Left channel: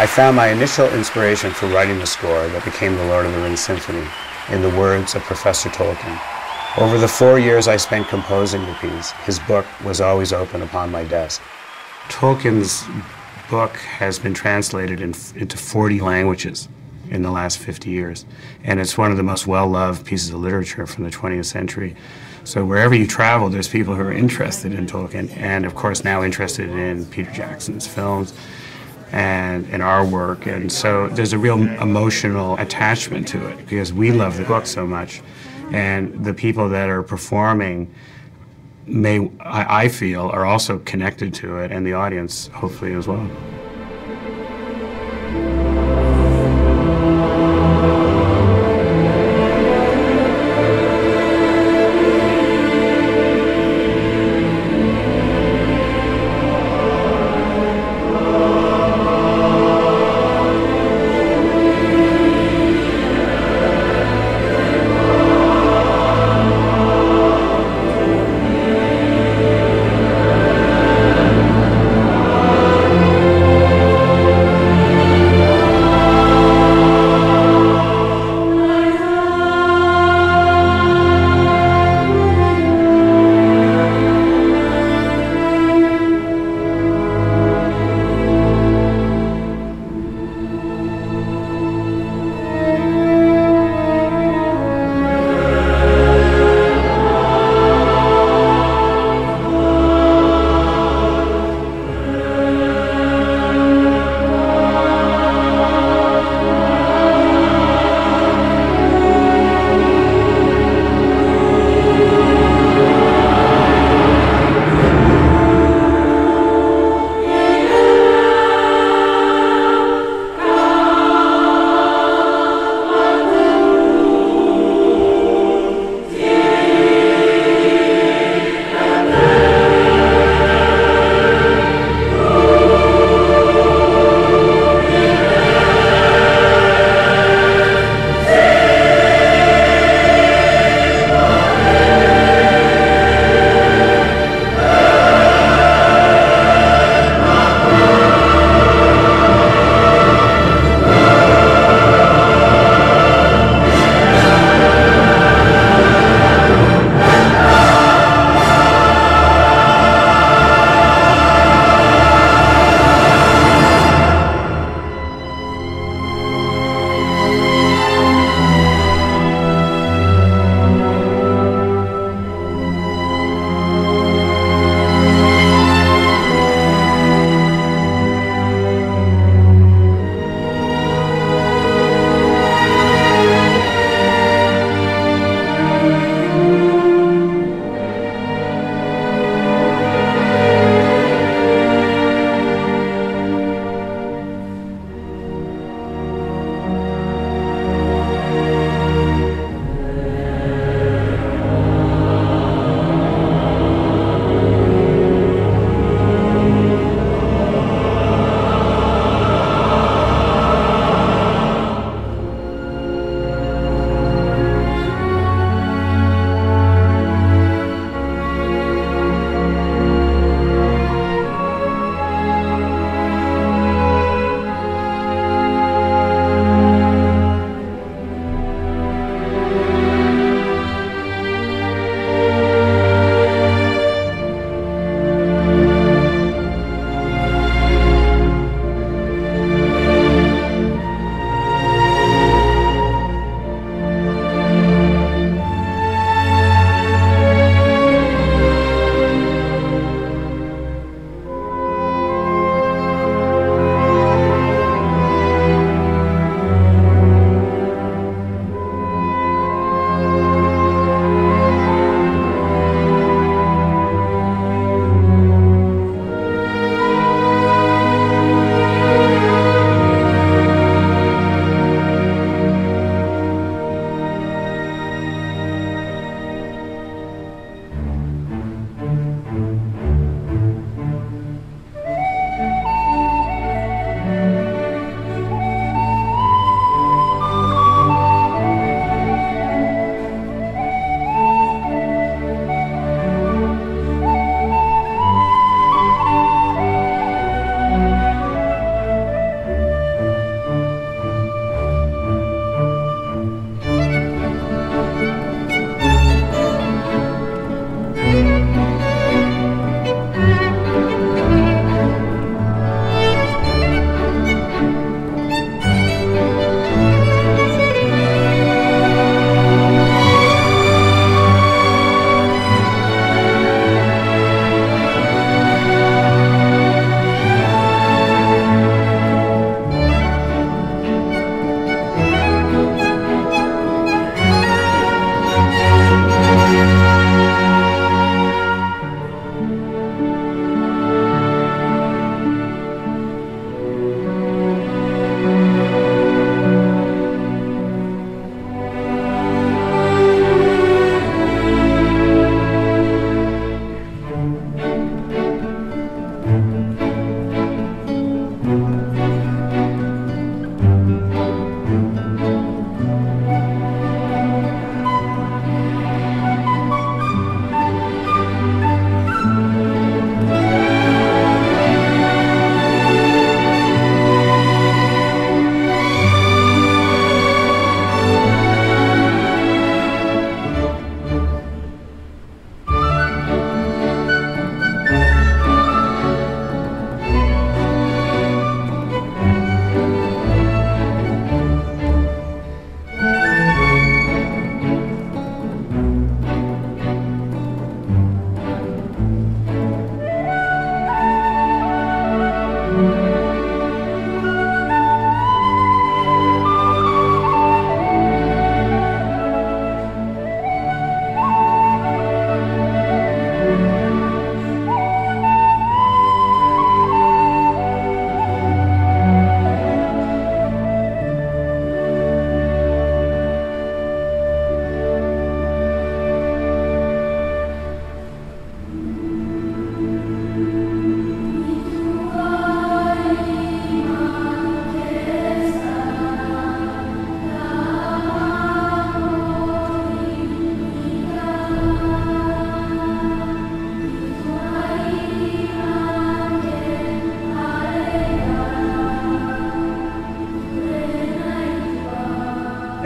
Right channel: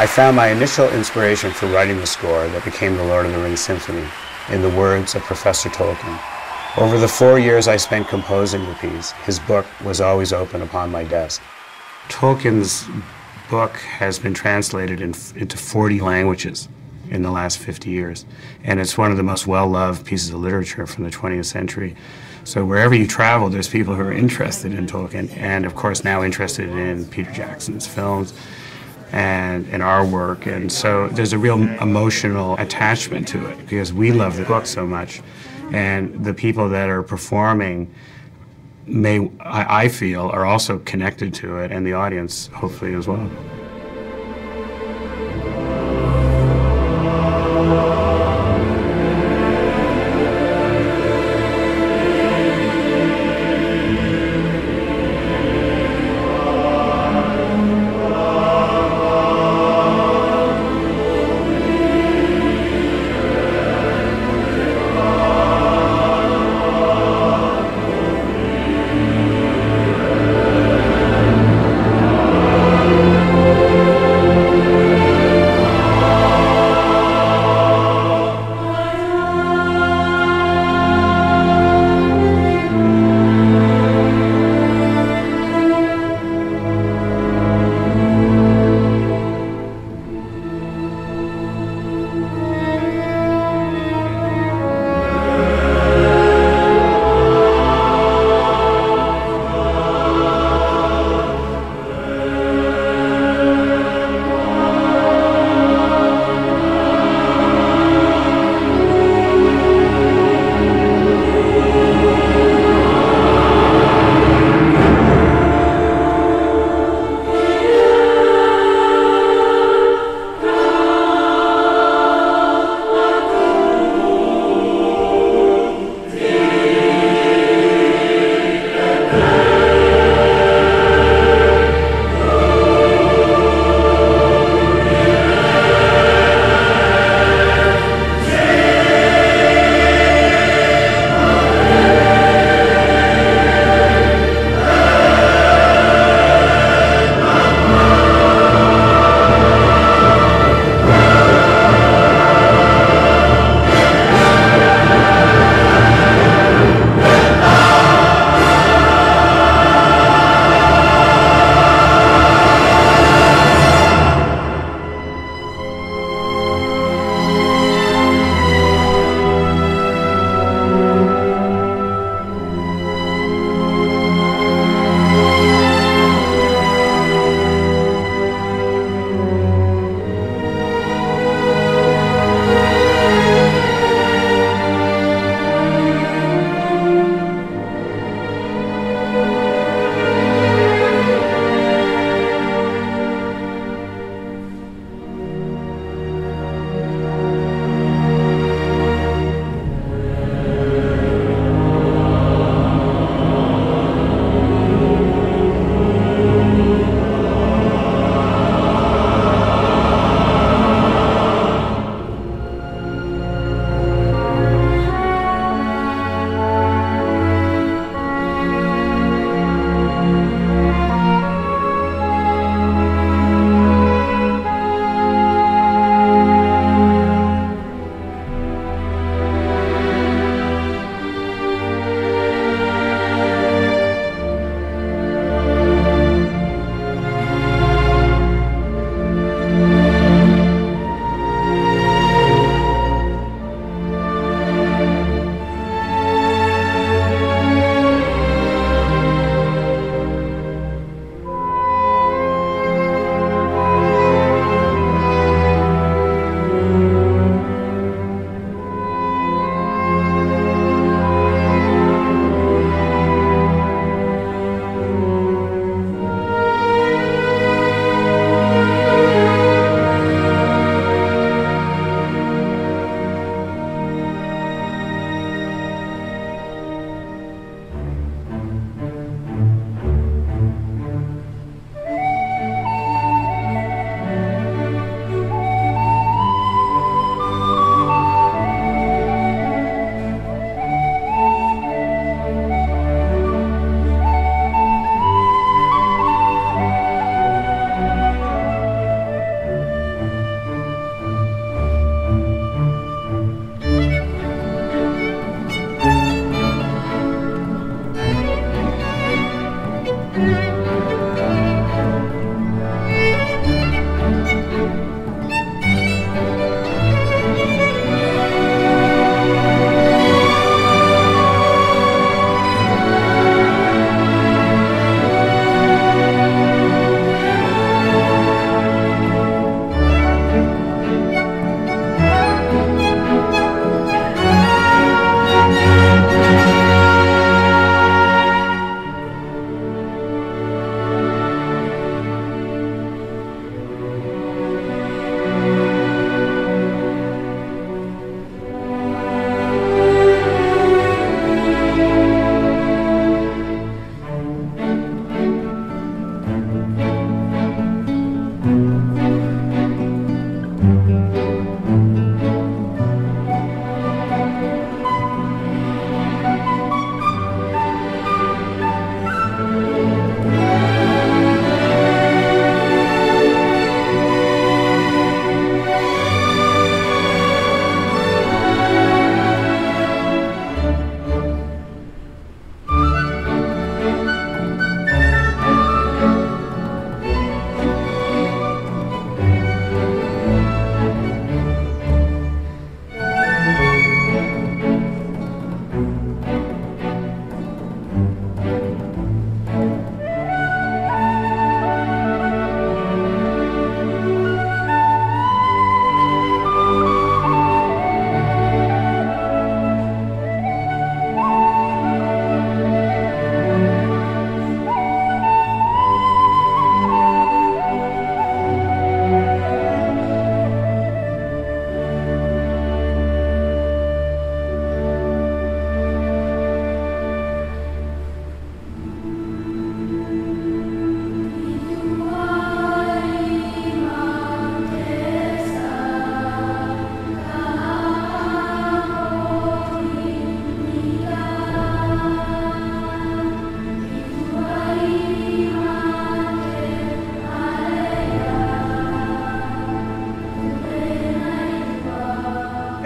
I found my initial inspiration for writing the score that became the Lord of the Rings Symphony in the words of Professor Tolkien. Over the 4 years I spent composing the piece, his book was always open upon my desk. Tolkien's book has been translated into 40 languages in the last 50 years, and it's one of the most well-loved pieces of literature from the 20th century. So wherever you travel, there's people who are interested in Tolkien, and of course now interested in Peter Jackson's films and in our work, and so there's a real emotional attachment to it because we love the book so much, and the people that are performing I feel, are also connected to it, and the audience hopefully as well.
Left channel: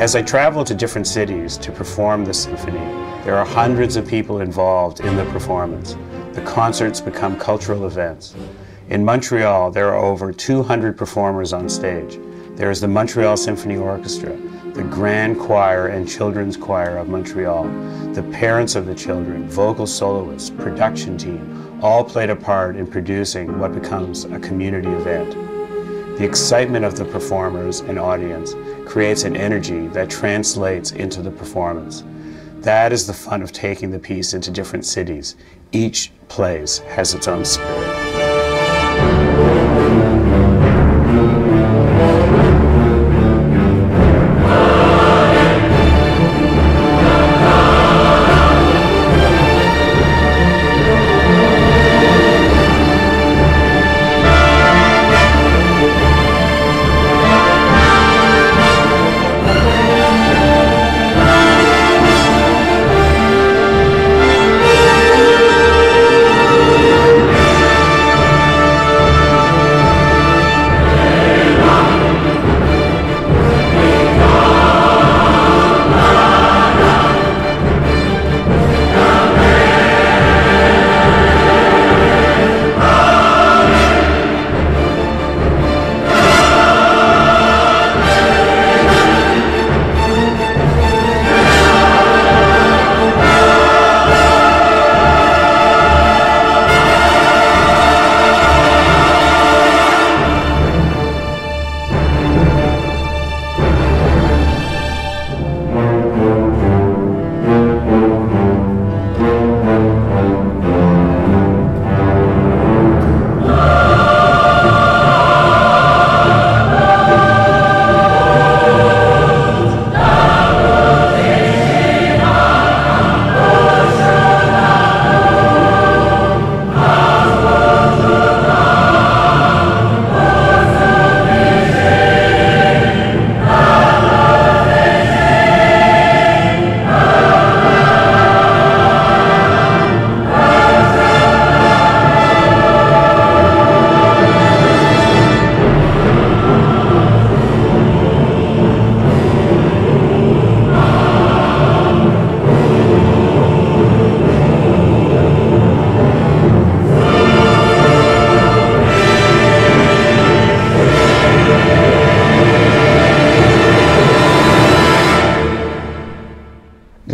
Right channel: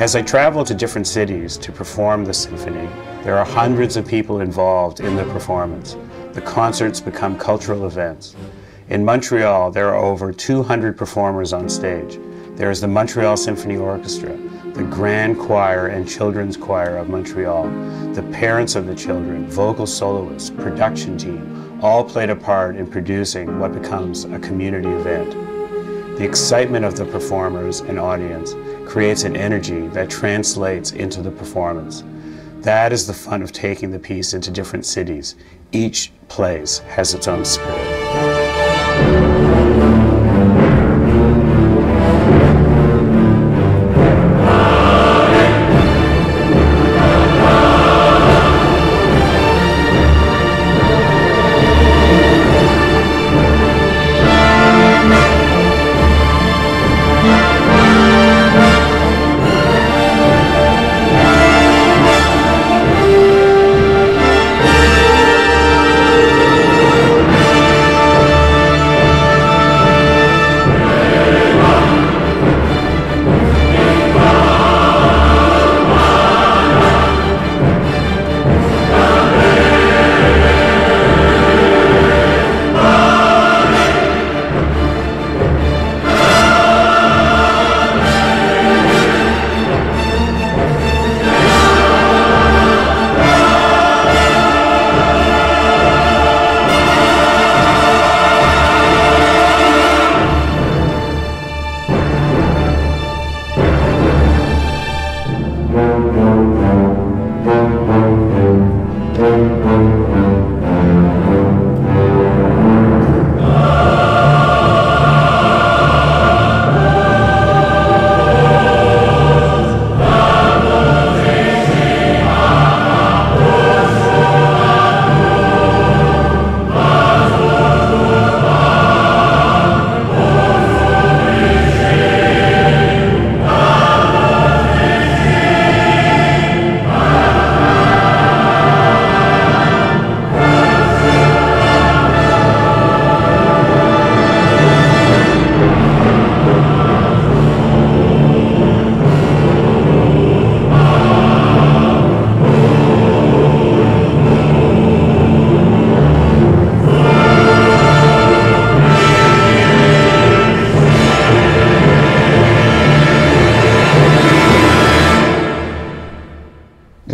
As I travel to different cities to perform the symphony, there are hundreds of people involved in the performance. The concerts become cultural events. In Montreal, there are over 200 performers on stage. There is the Montreal Symphony Orchestra, the Grand Choir and Children's Choir of Montreal, the parents of the children, vocal soloists, production team, all played a part in producing what becomes a community event. The excitement of the performers and audience creates an energy that translates into the performance. That is the fun of taking the piece into different cities. Each place has its own spirit.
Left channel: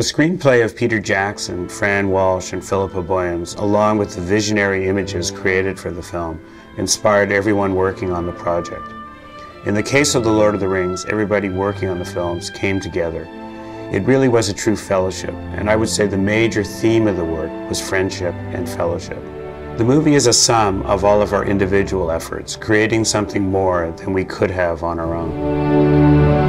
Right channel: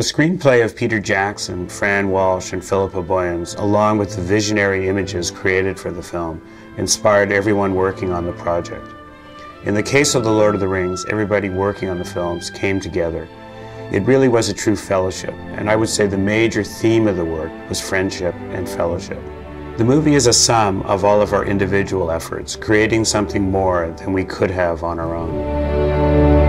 The screenplay of Peter Jackson, Fran Walsh, and Philippa Boyens, along with the visionary images created for the film, inspired everyone working on the project. In the case of The Lord of the Rings, everybody working on the films came together. It really was a true fellowship, and I would say the major theme of the work was friendship and fellowship. The movie is a sum of all of our individual efforts, creating something more than we could have on our own.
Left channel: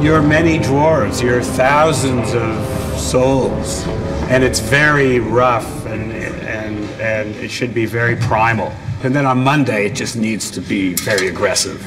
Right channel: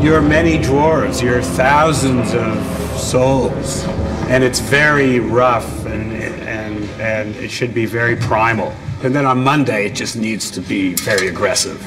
You're many dwarves, you're thousands of souls, and it's very rough and it should be very primal. And then on Monday, it just needs to be very aggressive.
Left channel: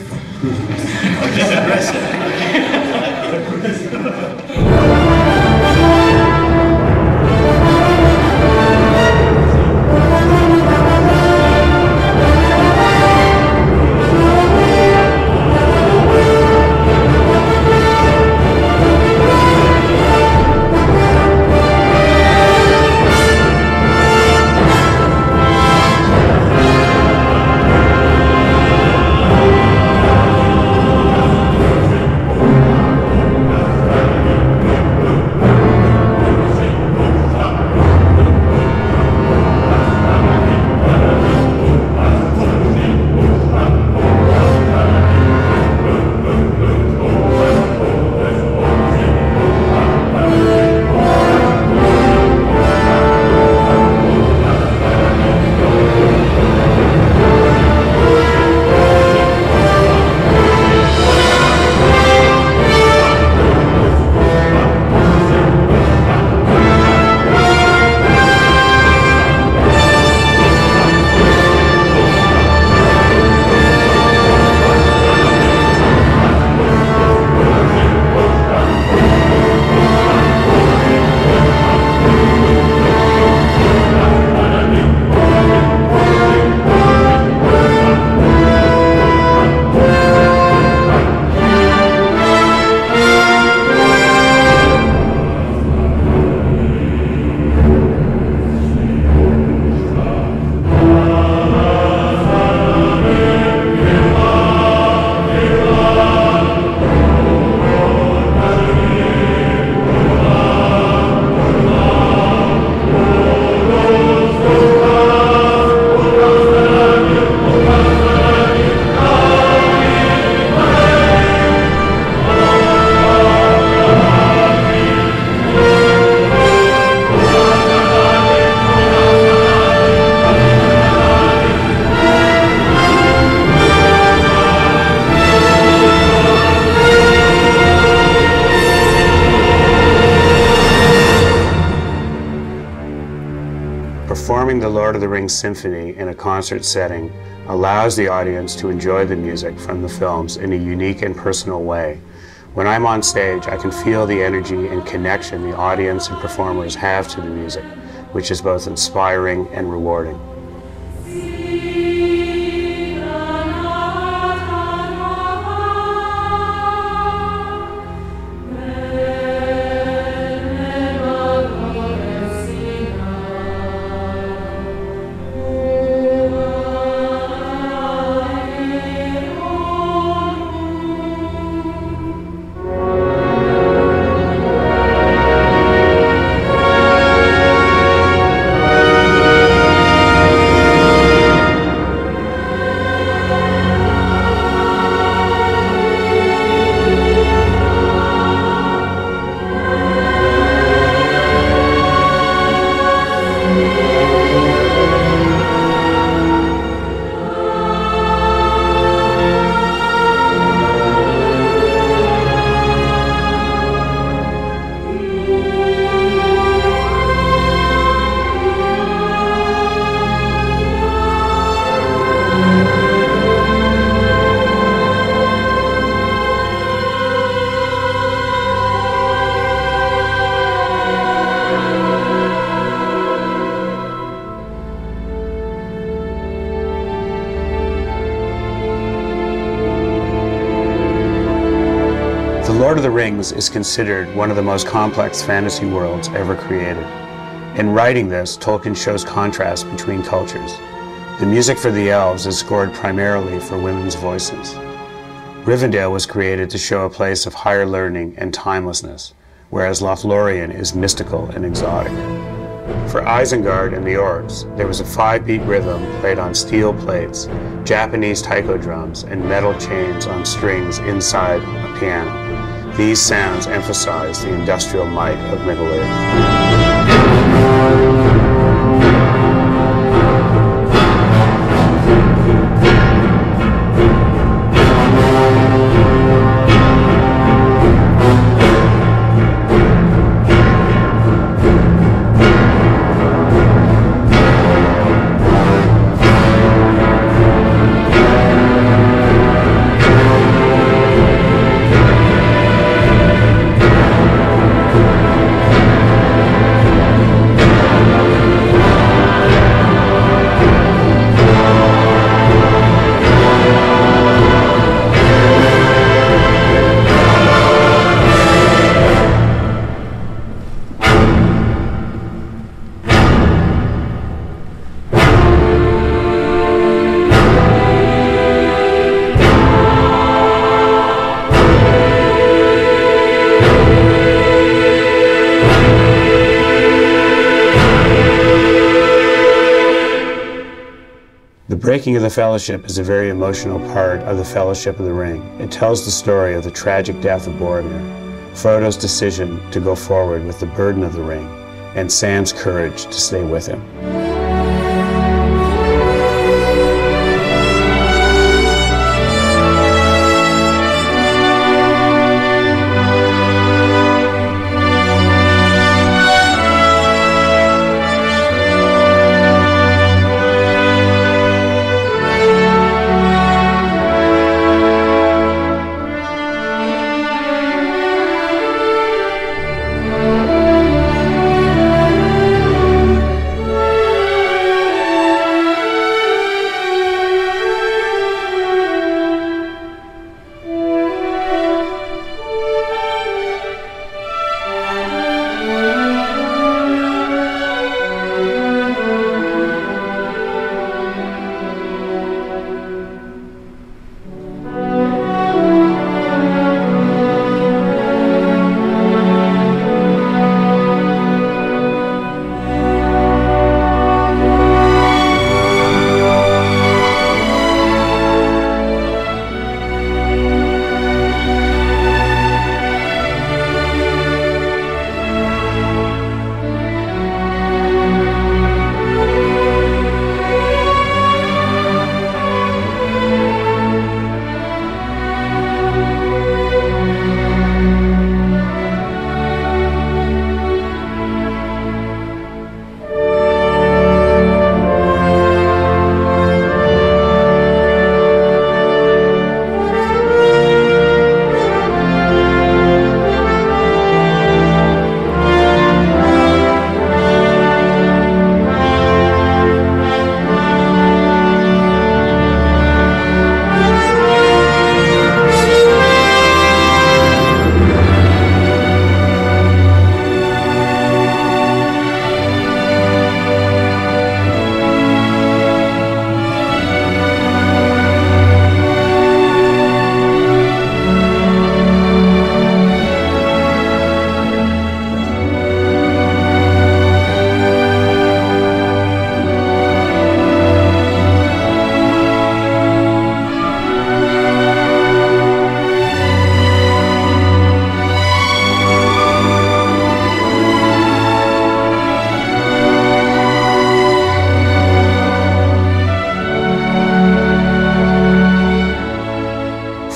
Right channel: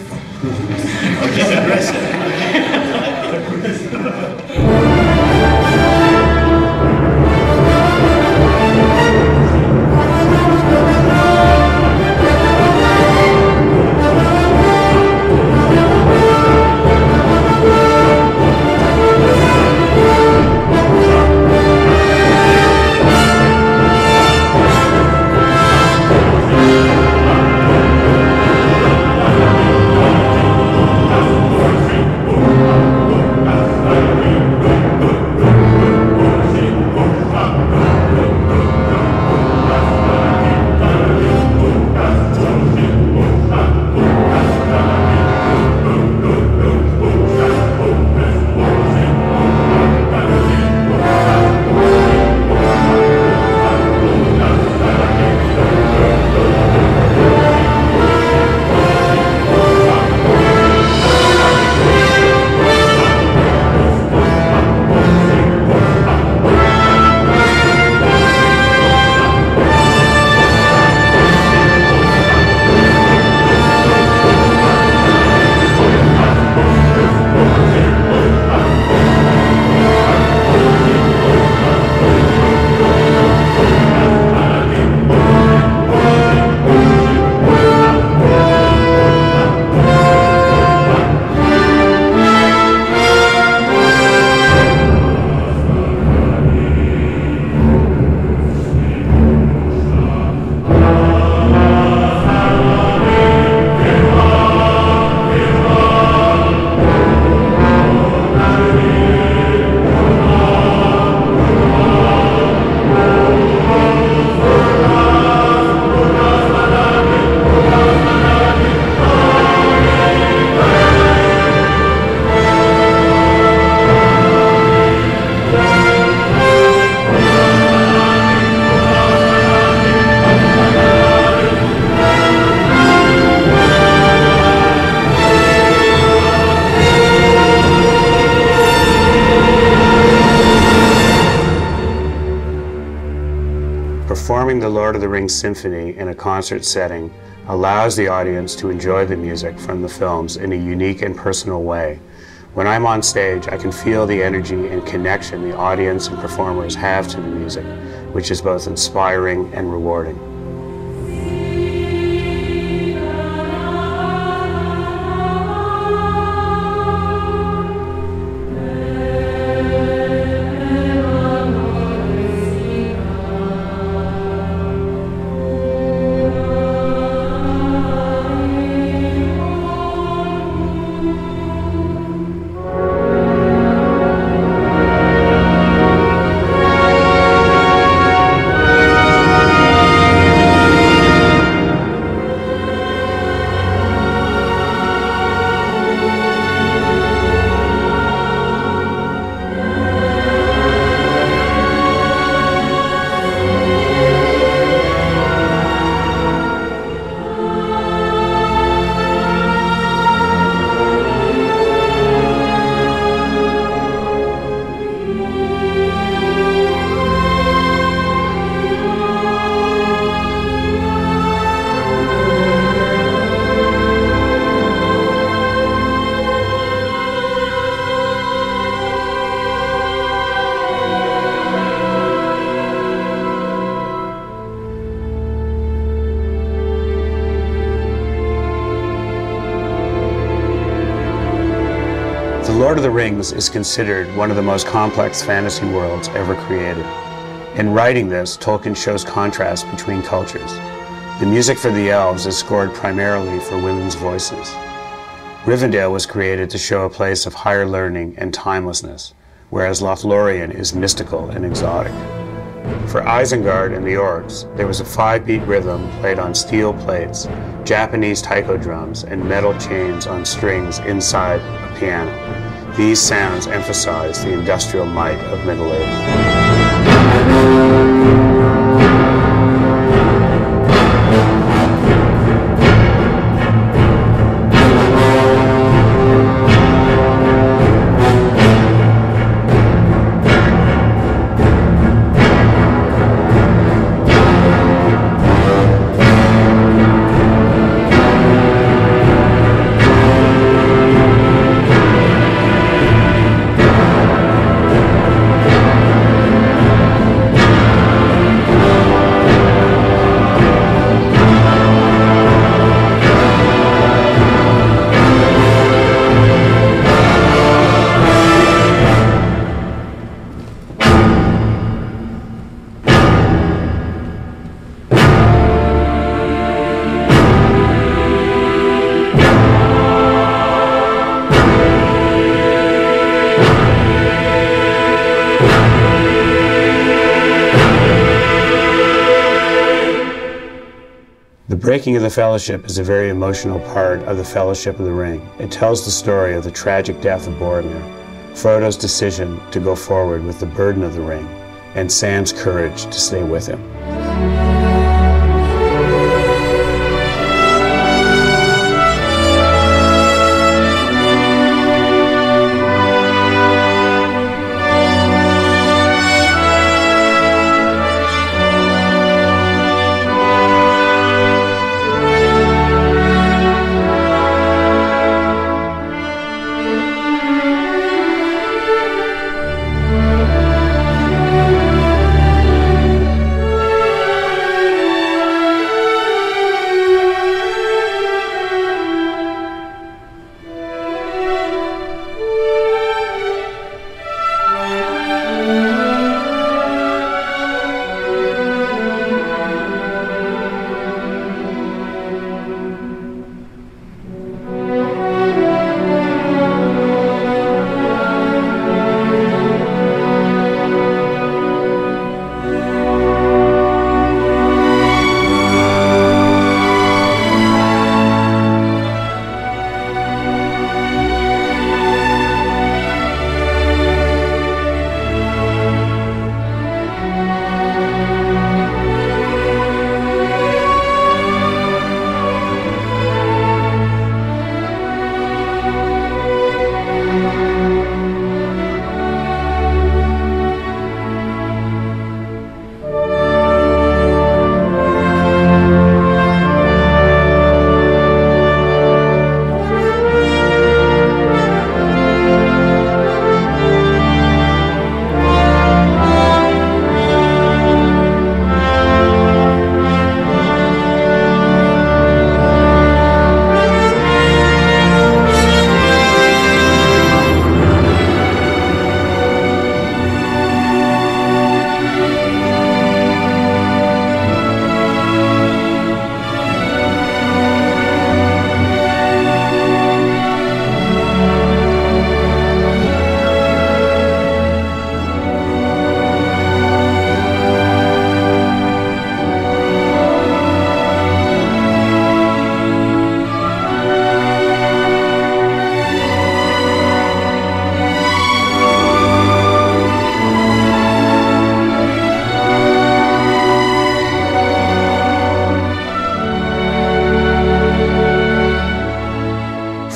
Performing the Lord of the Rings Symphony in a concert setting allows the audience to enjoy the music from the films in a unique and personal way. When I'm on stage, I can feel the energy and connection the audience and performers have to the music, which is both inspiring and rewarding. The Lord of the Rings is considered one of the most complex fantasy worlds ever created. In writing this, Tolkien shows contrast between cultures. The music for the elves is scored primarily for women's voices. Rivendell was created to show a place of higher learning and timelessness, whereas Lothlorien is mystical and exotic. For Isengard and the orcs, there was a 5-beat rhythm played on steel plates, Japanese taiko drums, and metal chains on strings inside a piano. These sounds emphasize the industrial might of Middle-earth. The breaking of the Fellowship is a very emotional part of the Fellowship of the Ring. It tells the story of the tragic death of Boromir, Frodo's decision to go forward with the burden of the ring, and Sam's courage to stay with him.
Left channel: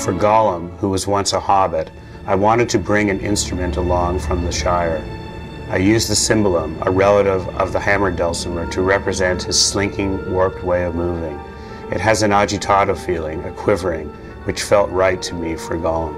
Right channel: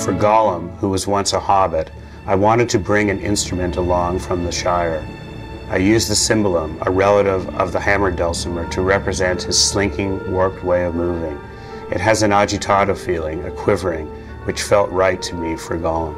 For Gollum, who was once a hobbit, I wanted to bring an instrument along from the Shire. I used the cymbalum, a relative of the hammered dulcimer, to represent his slinking, warped way of moving. It has an agitato feeling, a quivering, which felt right to me for Gollum.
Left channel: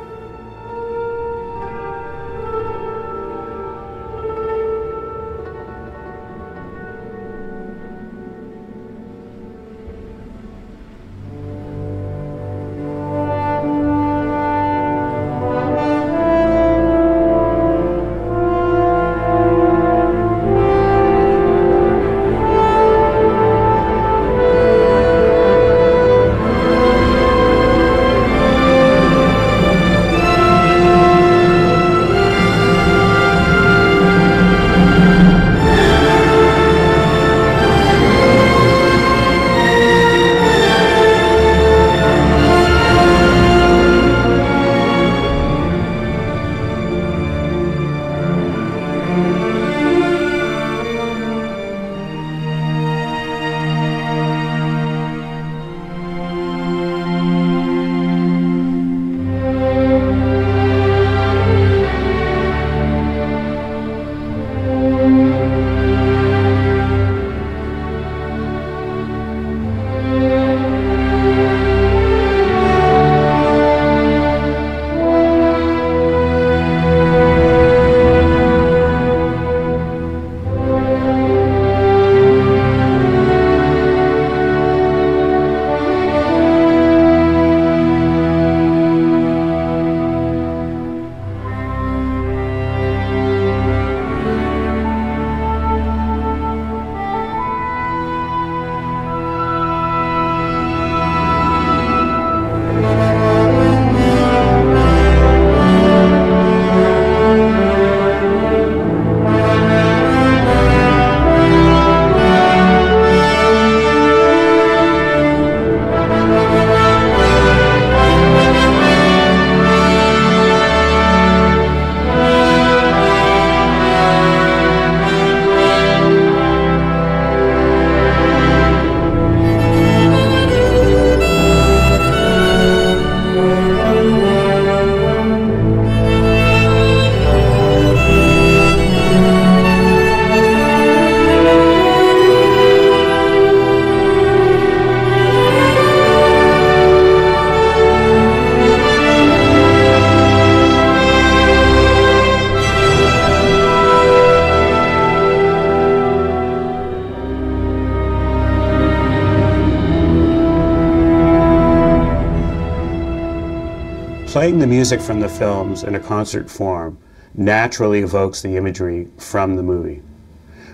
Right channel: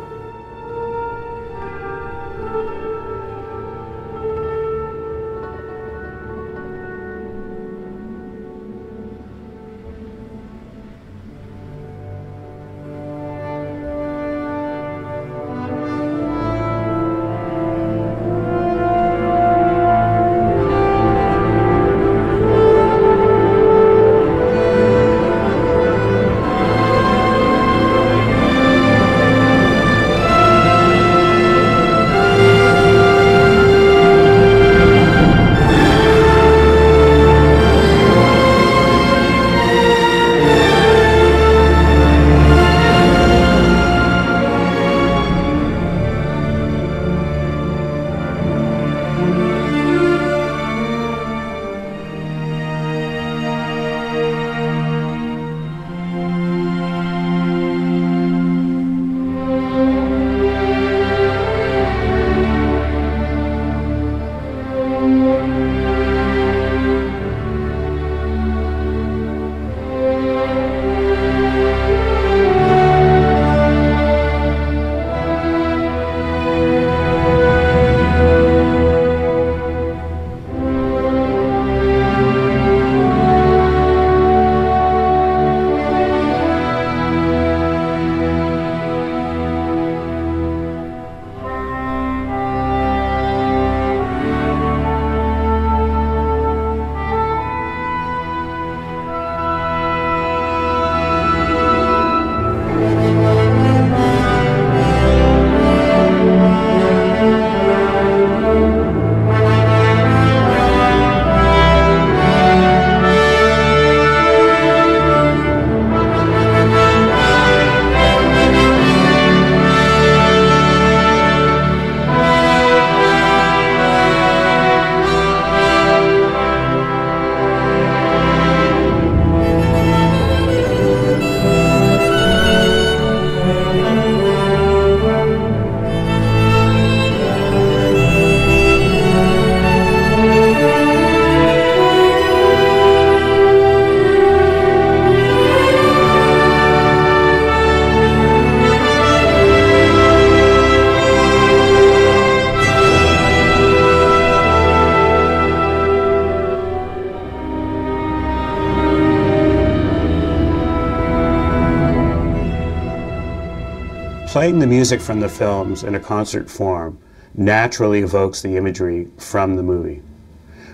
Playing the music from the films in a concert form naturally evokes the imagery from the movie.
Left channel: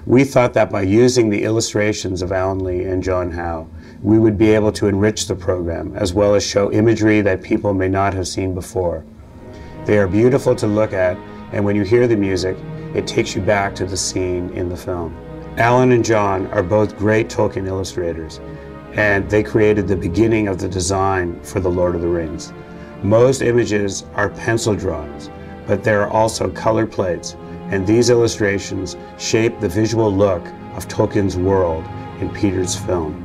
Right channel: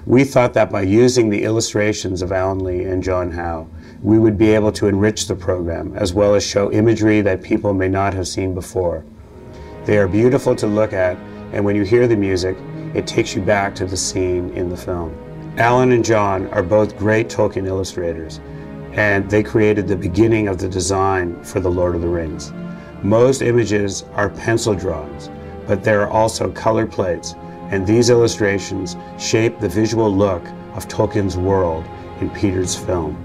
We thought that by using the illustrations of Alan Lee and John Howe, we would be able to enrich the program as well as show imagery that people may not have seen before. They are beautiful to look at, and when you hear the music, it takes you back to the scene in the film. Alan and John are both great Tolkien illustrators, and they created the beginning of the design for The Lord of the Rings. Most images are pencil drawings, but there are also color plates, and these illustrations shape the visual look of Tolkien's world in Peter's film.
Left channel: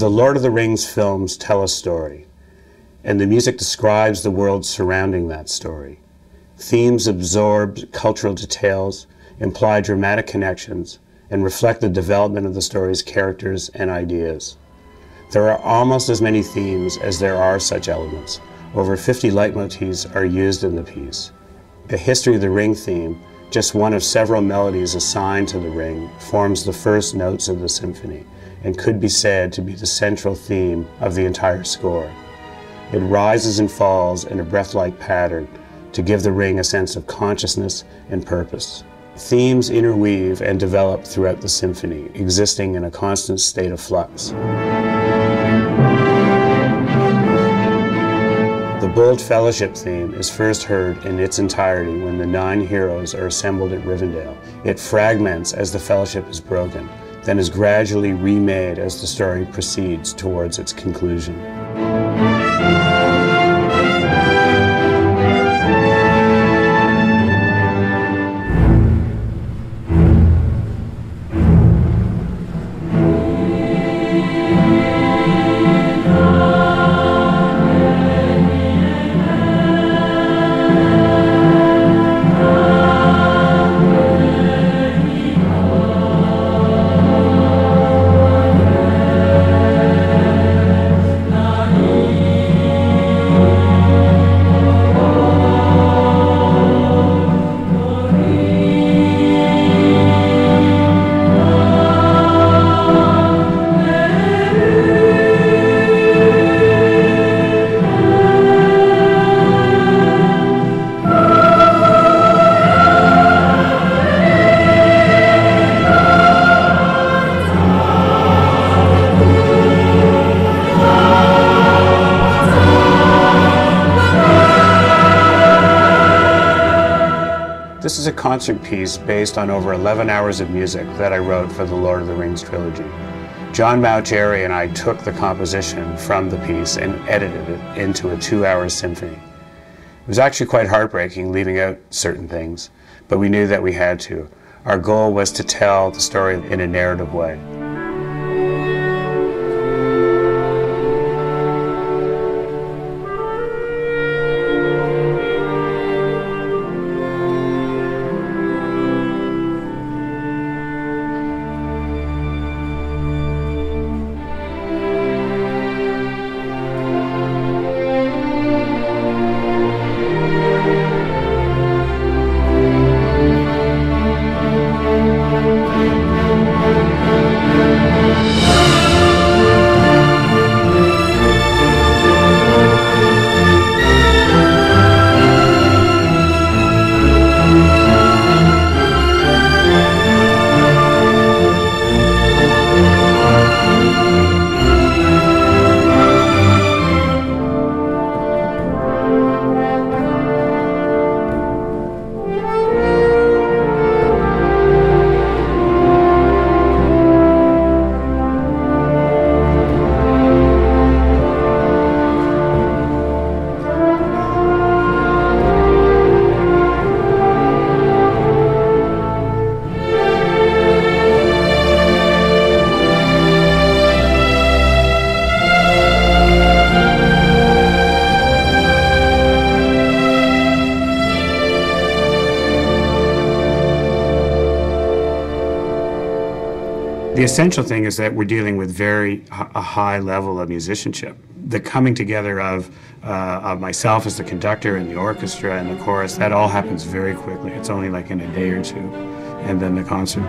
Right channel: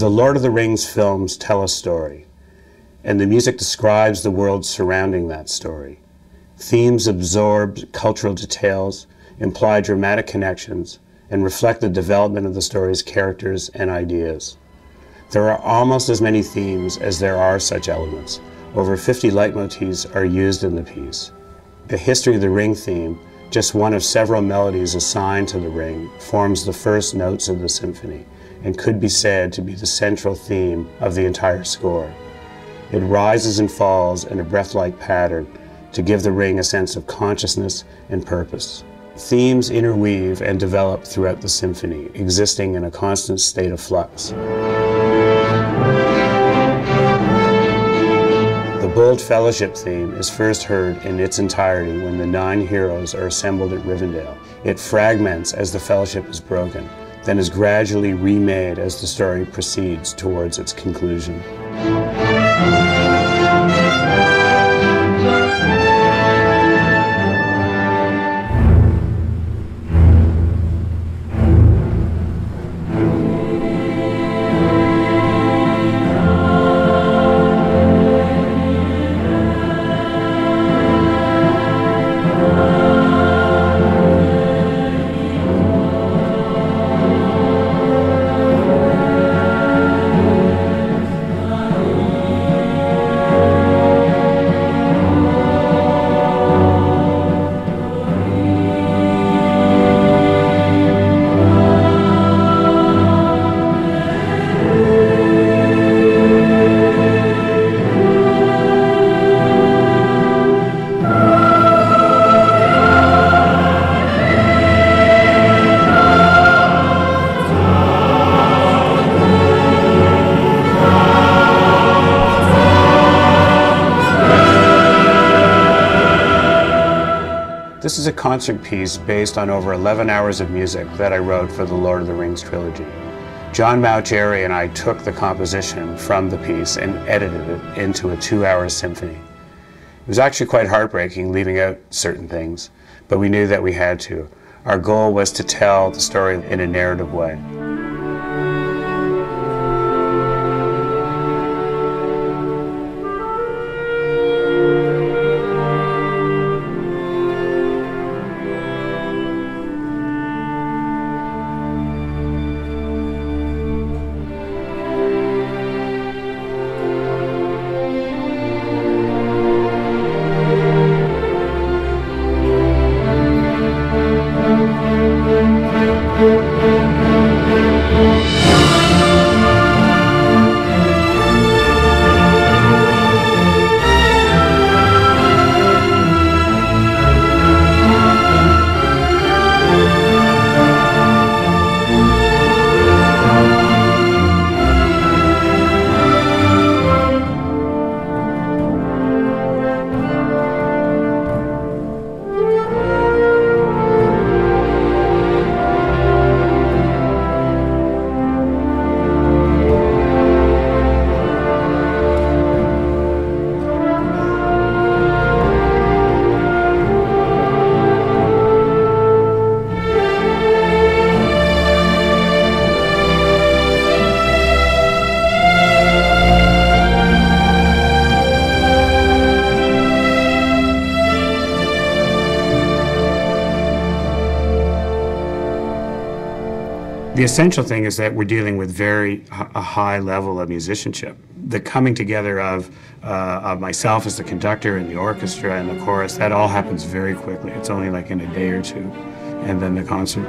The Lord of the Rings films tell a story, and the music describes the world surrounding that story. Themes absorb cultural details, imply dramatic connections, and reflect the development of the story's characters and ideas. There are almost as many themes as there are such elements. Over 50 leitmotifs are used in the piece. The History of the Ring theme, just one of several melodies assigned to the ring, forms the first notes of the symphony and could be said to be the central theme of the entire score. It rises and falls in a breath-like pattern to give the ring a sense of consciousness and purpose. Themes interweave and develop throughout the symphony, existing in a constant state of flux. The Bold Fellowship theme is first heard in its entirety when the 9 heroes are assembled at Rivendell. It fragments as the Fellowship is broken, then is gradually remade as the story proceeds towards its conclusion. This is a concert piece based on over 11 hours of music that I wrote for the Lord of the Rings trilogy. John Mount-Jerry and I took the composition from the piece and edited it into a 2-hour symphony. It was actually quite heartbreaking leaving out certain things, but we knew that we had to. Our goal was to tell the story in a narrative way. The essential thing is that we're dealing with a high level of musicianship. The coming together of myself as the conductor and the orchestra and the chorus, that all happens very quickly. It's only like in a day or two, and then the concert.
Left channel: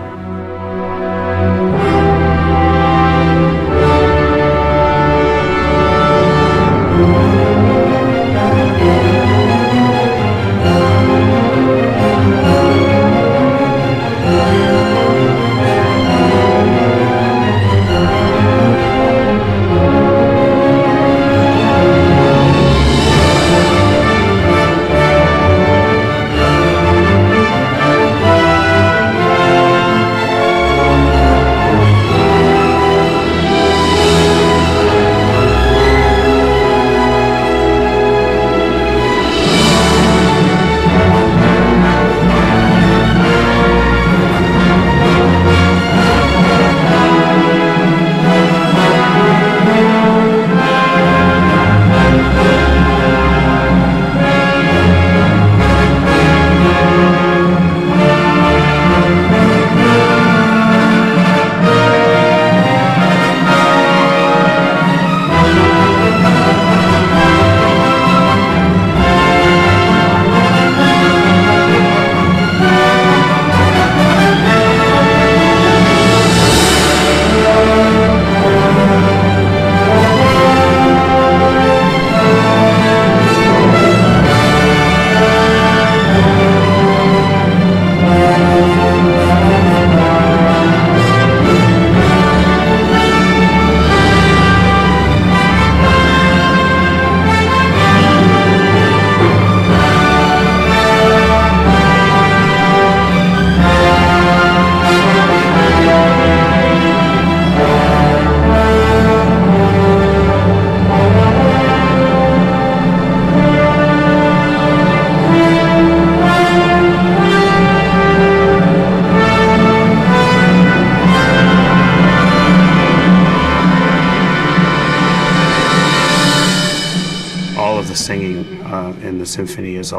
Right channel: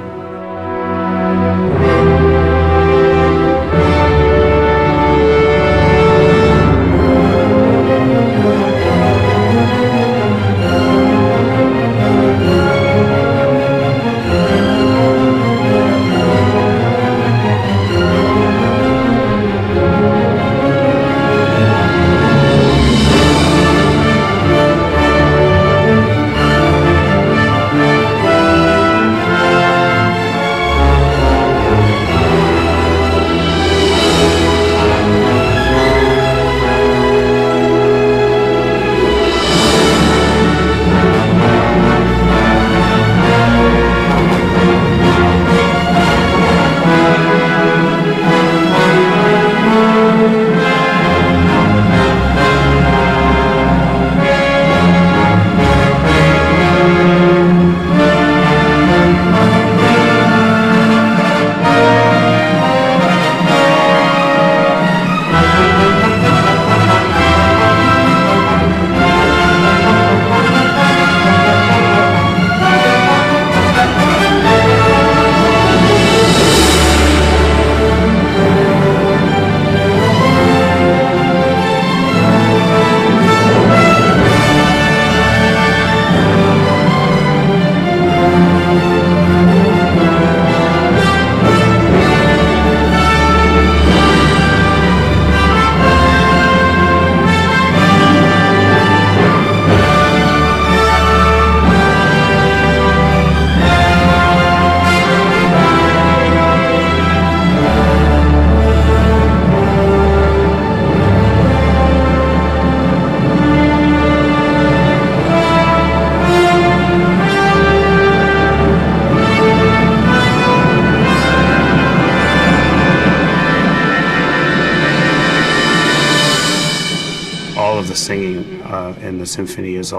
of the singing in the symphony is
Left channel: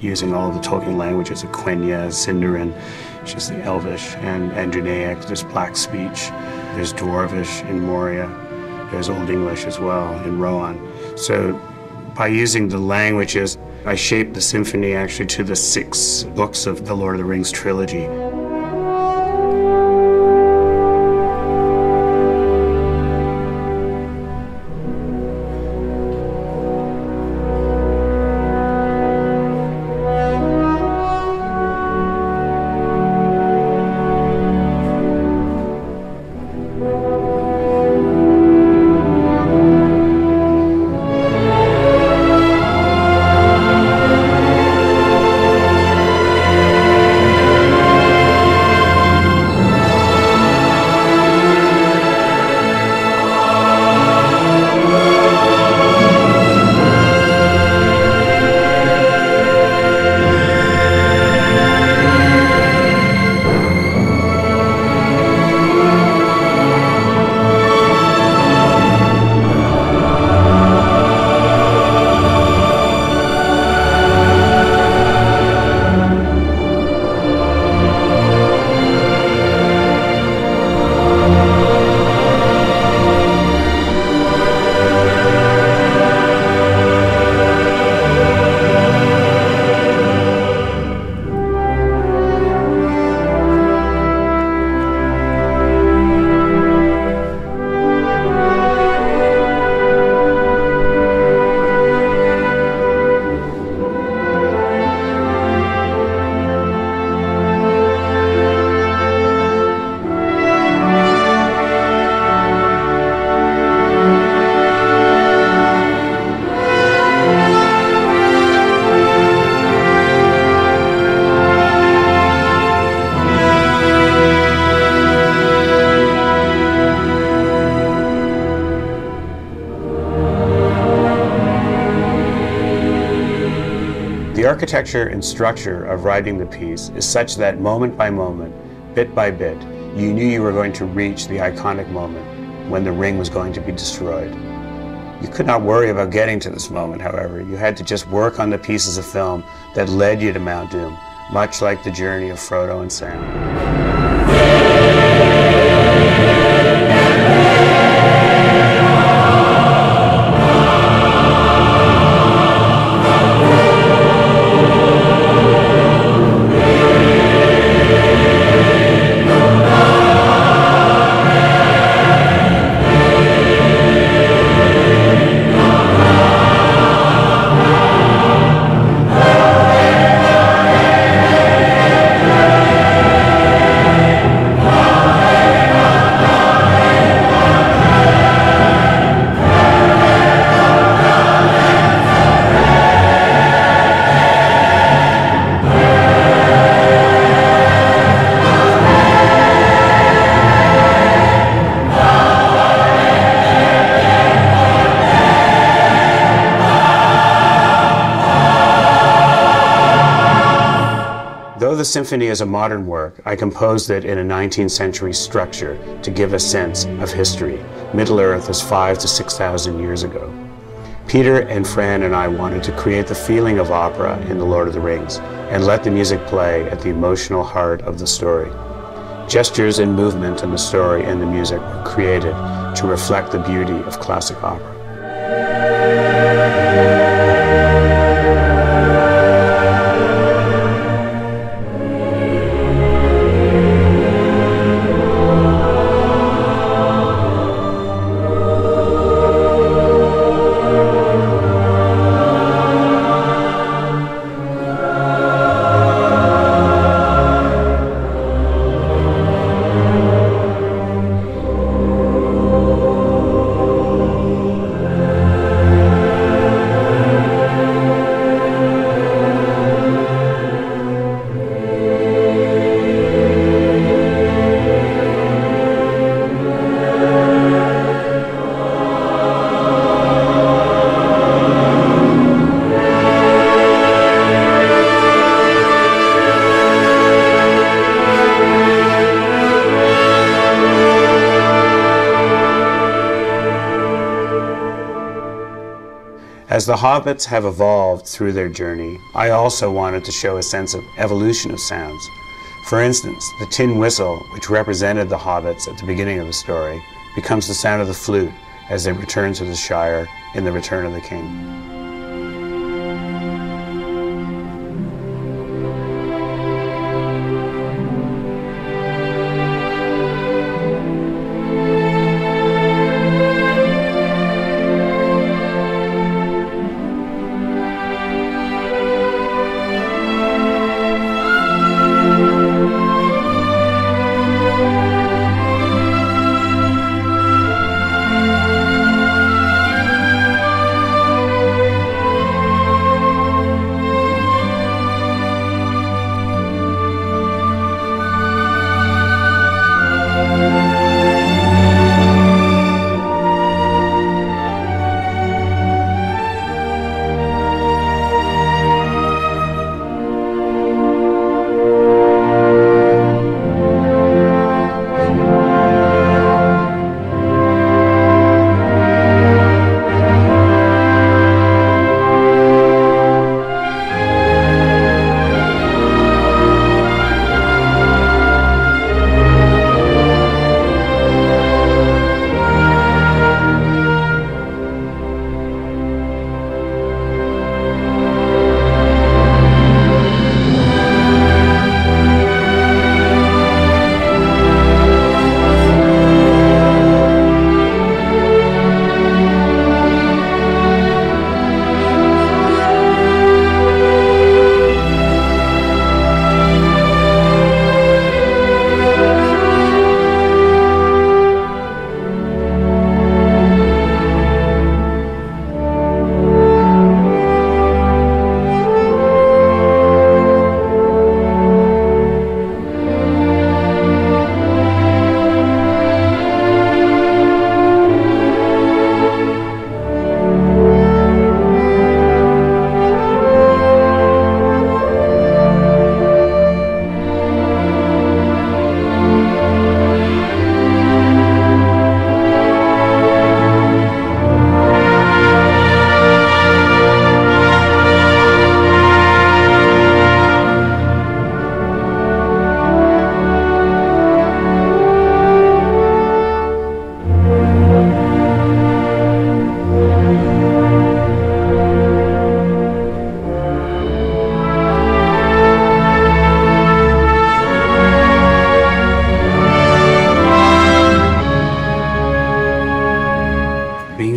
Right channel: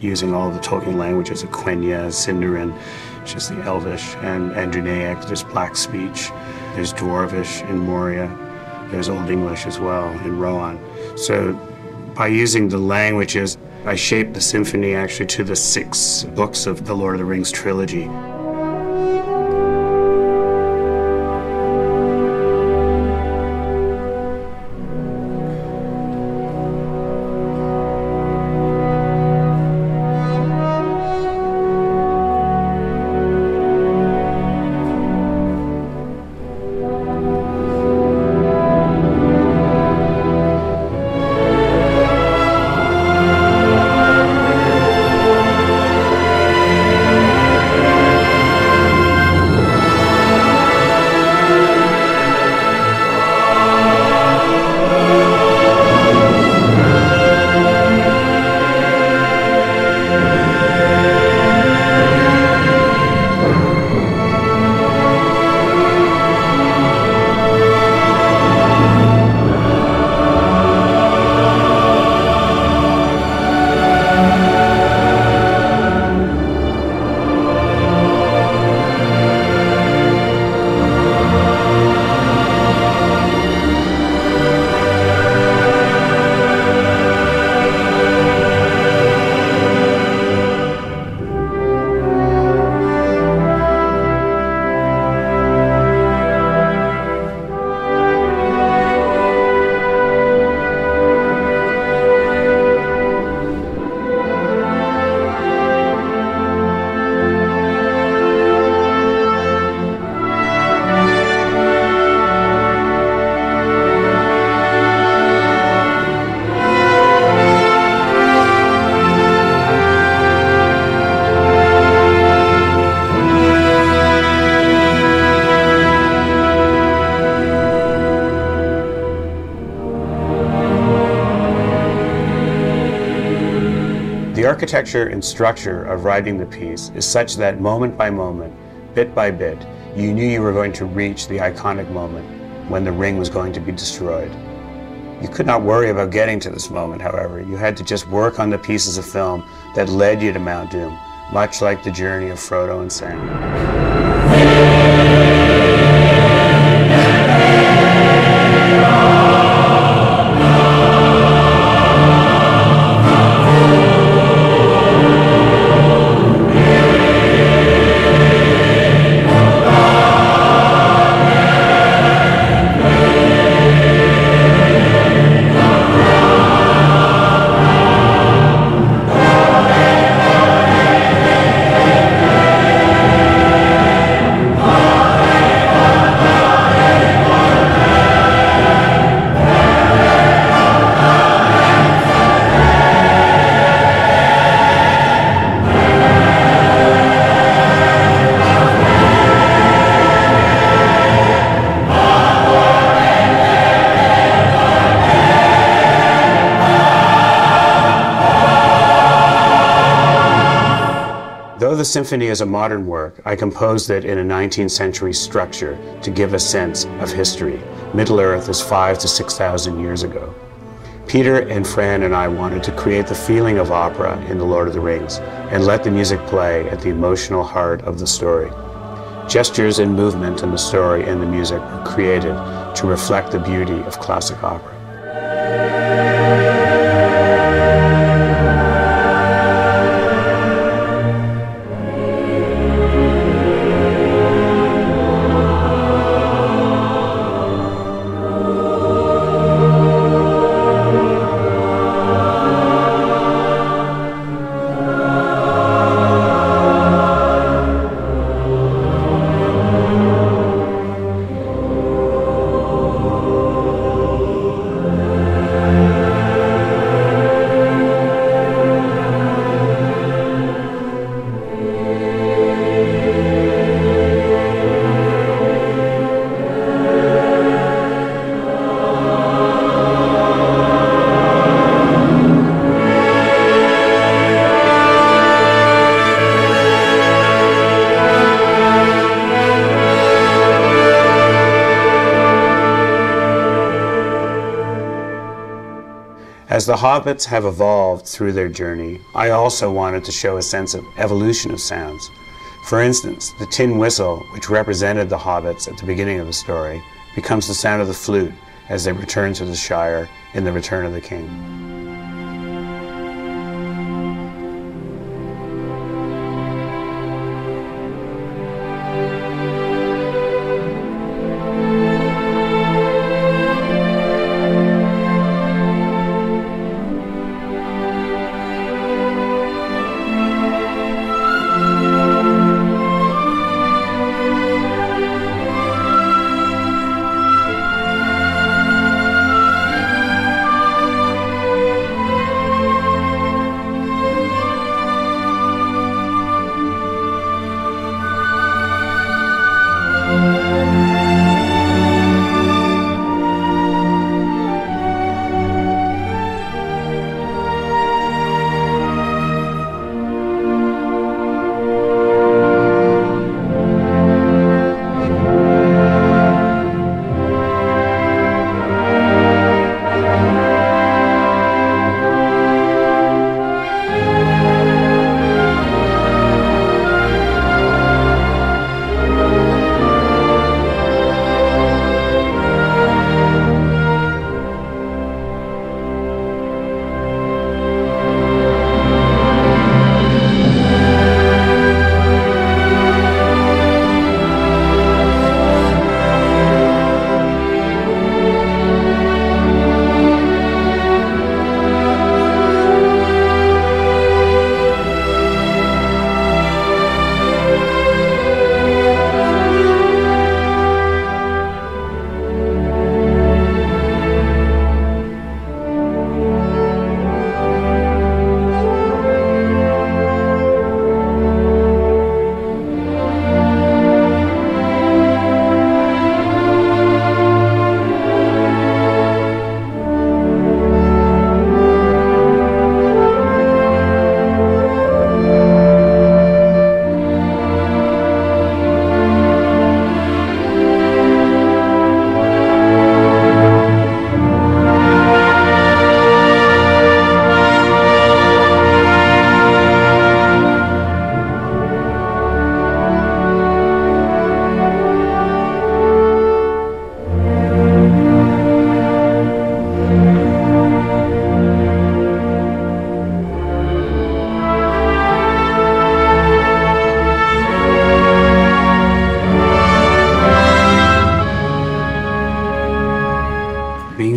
using all the Tolkien languages, Quenya, Sindarin, which is the Elvish, and Andunaic. There's Black speech, there's Dwarvish in Moria, there's Old English as well in Rohan. So by using the languages, I shaped the symphony actually to the 6 books of the Lord of the Rings trilogy. The architecture and structure of writing the piece is such that moment by moment, bit by bit, you knew you were going to reach the iconic moment when the ring was going to be destroyed. You could not worry about getting to this moment, however. You had to just work on the pieces of film that led you to Mount Doom, much like the journey of Frodo and Sam. Though the symphony is a modern work, I composed it in a 19th century structure to give a sense of history. Middle-earth is 5,000 to 6,000 years ago. Peter and Fran and I wanted to create the feeling of opera in The Lord of the Rings and let the music play at the emotional heart of the story. Gestures and movement in the story and the music were created to reflect the beauty of classic opera. As the hobbits have evolved through their journey, I also wanted to show a sense of evolution of sounds. For instance, the tin whistle, which represented the hobbits at the beginning of the story, becomes the sound of the flute as they return to the Shire in The Return of the King.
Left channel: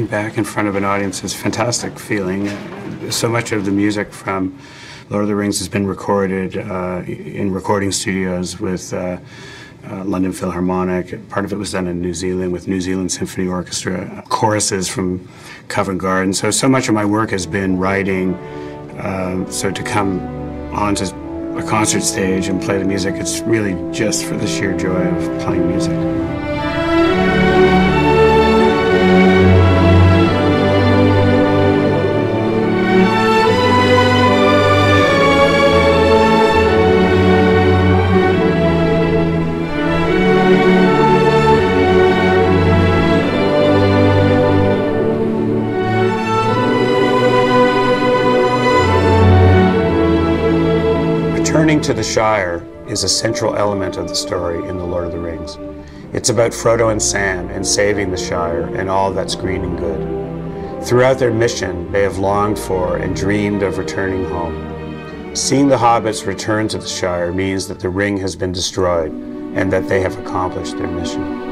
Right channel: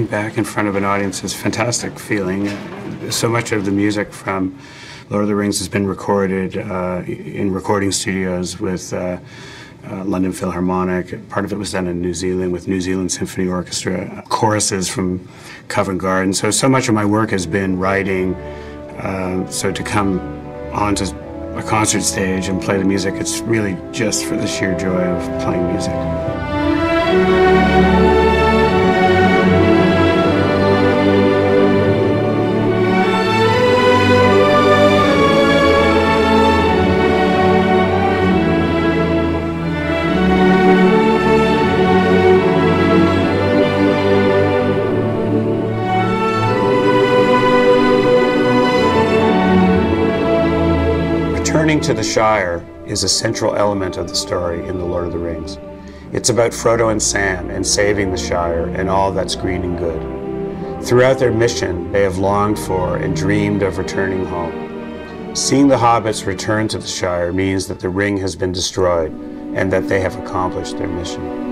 Back in front of an audience is a fantastic feeling. So much of the music from Lord of the Rings has been recorded in recording studios with London Philharmonic. Part of it was done in New Zealand with New Zealand Symphony Orchestra. Choruses from Covent Garden. So much of my work has been writing. So to come onto a concert stage and play the music, it's really just for the sheer joy of playing music. Returning to the Shire is a central element of the story in The Lord of the Rings. It's about Frodo and Sam and saving the Shire and all that's green and good. Throughout their mission, they have longed for and dreamed of returning home. Seeing the hobbits return to the Shire means that the ring has been destroyed and that they have accomplished their mission.